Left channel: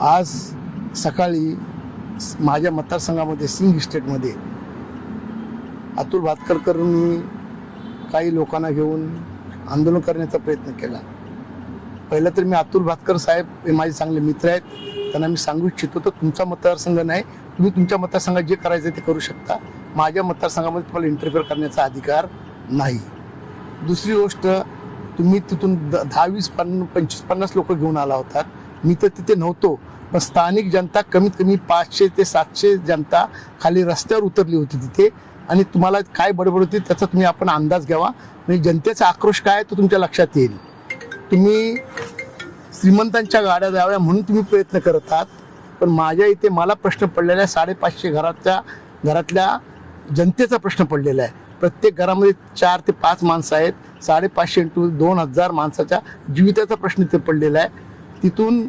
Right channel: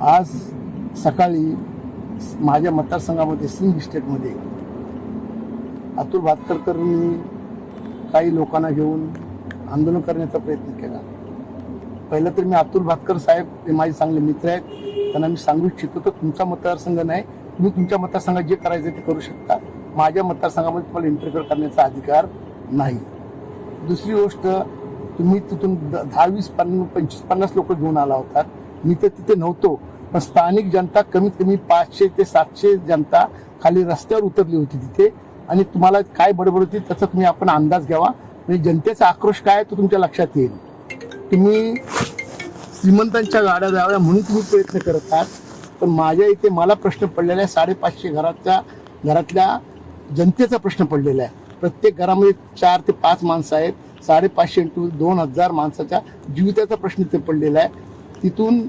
आज सकाळी माझ्या मतदारसंघामध्ये सिंग इस्टेटमध्ये अतुल भातकरकरांनी काही लोकांना घेऊन आंदोलन करण्याचा प्रयत्न केला. पहिलं तर मी अतुल भातकर साहेब हे माझे चांगले मित्र आहेत. त्यांना मी सांगू इच्छितो तर तुमचा मतदारसंघ नाही तुम्ही तुमच्या मतदारसंघात जे करायचं ते करू शकता. माझ्या मतदारसंघामध्ये तुम्हाला इंटरफेअर करण्याचा अधिकार नाही. दुसरी गोष्ट तुम्ही तिथून द- दहा वीस पन्न पंचवीस पन्नास लोक घेऊन आला होता. मी तर तिथे नव्हतो. पण स्थानिक जनता कमीत कमी पाचशे ते सातशे जनता खाली रस्त्यावर उतरली होती तिथे. आणि तुम्हाला काय बडबड होती त्याचा तुम्ही आपण अंदाज घ्यावा. म्हणजे जनतेचा आक्रोश काय तो तुमच्या लक्षात येईल. तुम्ही श्रीमंतांच्या गाड्या द्याव्या म्हणून तुम्ही प्रयत्न करत आहात. पण माझ्या इथे मला प्रश्न पडलेला आहे. साडेपाचशे घराच्या घरातल्या जनतेचा प्रश्न पडलेला आहे. प्रत्येक घरामध्ये चार ते पाच माणसं आहेत. साडेपाचशे टू दोन हजार माणसाच्या जीविताचा प्रश्न इथे पडलेला आहे. तिथून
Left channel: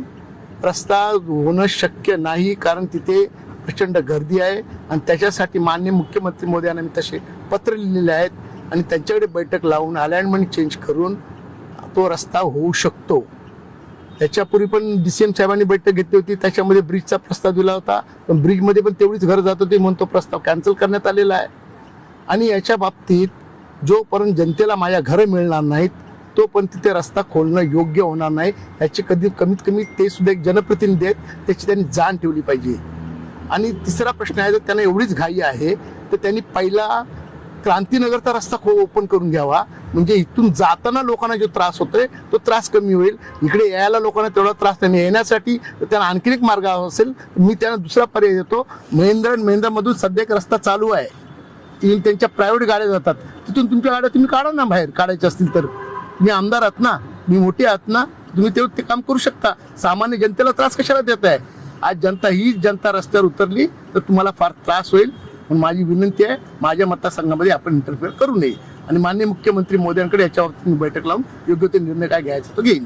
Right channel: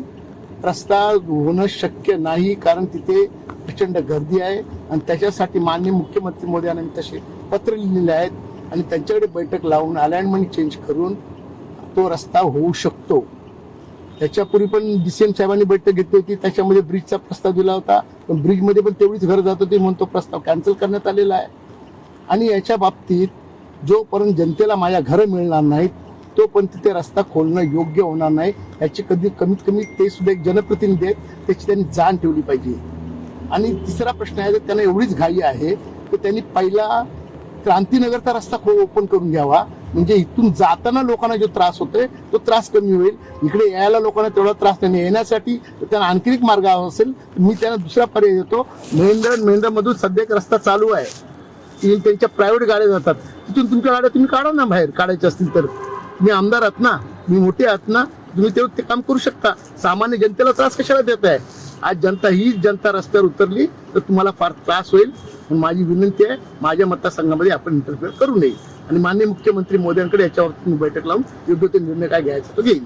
रस्ता होणं शक्य नाही कारण तिथे प्रचंड गर्दी आहे. आणि त्याच्यासाठी माननीय मुख्यमंत्री मोदी मी तसे पत्र लिहिलेले आहेत. आणि त्यांच्याकडे बैठक लावून अलाइनमेंट चेंज करून तो रस्ता होऊ शकतो. त्याच्यापूर्वी पण डी सी एम साहेबांनी बैठक घेतली होती. त्याच्यामध्ये ब्रिजचा प्रस्ताव दिला होता. पण ब्रिजमध्ये पण तेवढीच घर जात होती म्हणून तो प्रस्ताव कॅन्सल करण्यात आलेला आहे. आणि याच्या बाबतीत जोपर्यंत जनतेला माझ्या घरं मिळणार नाहीत तोपर्यंत तिथे रस्ता खोलणं योग्य होणार नाही. याची कधी कमीत कमी ते सुद्धा एक जनप्रतिनिधी आहेत त्याची त्यांनी जाण ठेवली पाहिजे. आणि तिसरा प्रश्न आहे जर त्यांना एवढीच घाई आहे तर त्यांनी पहिला क्रांतीनगरचा रस्ता ओपन करून घ्यावा. म्हणजे इथून जाताना लोकांना जो त्रास होतोय तो त्रास कमी होईल. इकडे यायला लोकांना तेवढा त्रास नाही येण्यासाठी तर त्यांना आणखीन एक मार्ग असेल तर मी त्यांना दुसरा पर्याय देतो. महेंद्र आणि महेंद्रमधून सध्या एक रस्ता चालू आहे. त्यांच्या प्रायव्हेट गाड्या जातात. तिथून तुमच्या गाड्या तुम्ही काढा ना बाहेर काढायच्या असतील तर. मी आमदार आहात ना मी मोठे आहात ना तुम्ही ते ते काम करू शकता. सामान्य जनतेला त्रास कशाला देत आहे? आज जनता ही जनता रस्त्यावर उतरली तर तुम्हाला फार त्रास होईल. पण माझी विनंती आहे माझ्या मतदारसंघामध्ये आपण इंटरफेअर करू नये. आणि मान्य मुख्यमंत्री मोदयांकडे याच्यावरती मी बैठक लावून योग्य ते निर्णय काय घ्यायचा तो घेईन.